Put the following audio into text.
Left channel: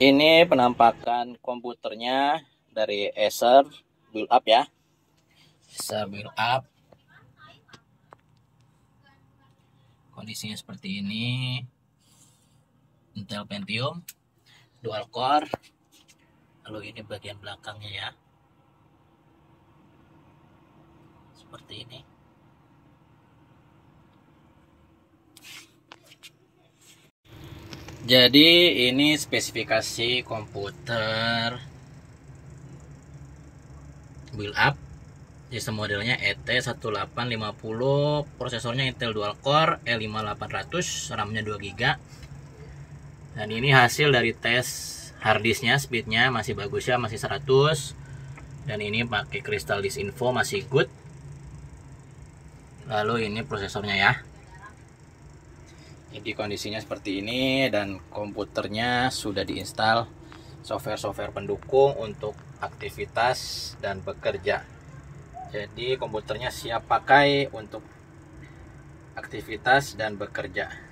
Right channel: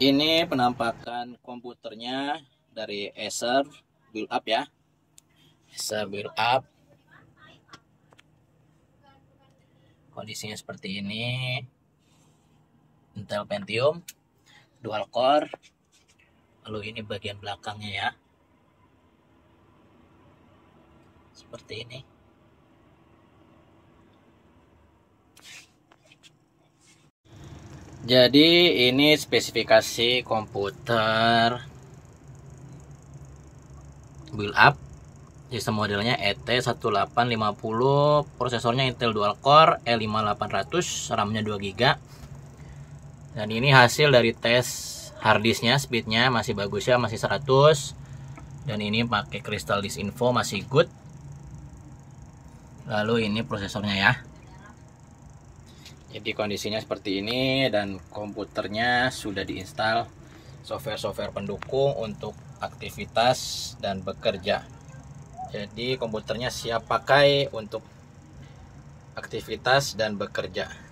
Ini penampakan komputernya dari Acer Build Up ya. Acer Build Up. Kondisinya seperti ini. Intel Pentium dual core. Lalu ini bagian belakangnya ya. Seperti ini. Jadi ini spesifikasi komputer Build Up. Sistem modelnya ET1850, prosesornya Intel Dual Core E5800, RAM-nya 2GB. Dan ini hasil dari tes harddisknya, speednya masih bagus ya, masih 100. Dan ini pakai Crystal Disk Info, masih good. Lalu ini prosesornya ya. Jadi kondisinya seperti ini, dan komputernya sudah diinstal software-software pendukung untuk aktivitas dan bekerja. Jadi komputernya siap pakai untuk aktivitas dan bekerja.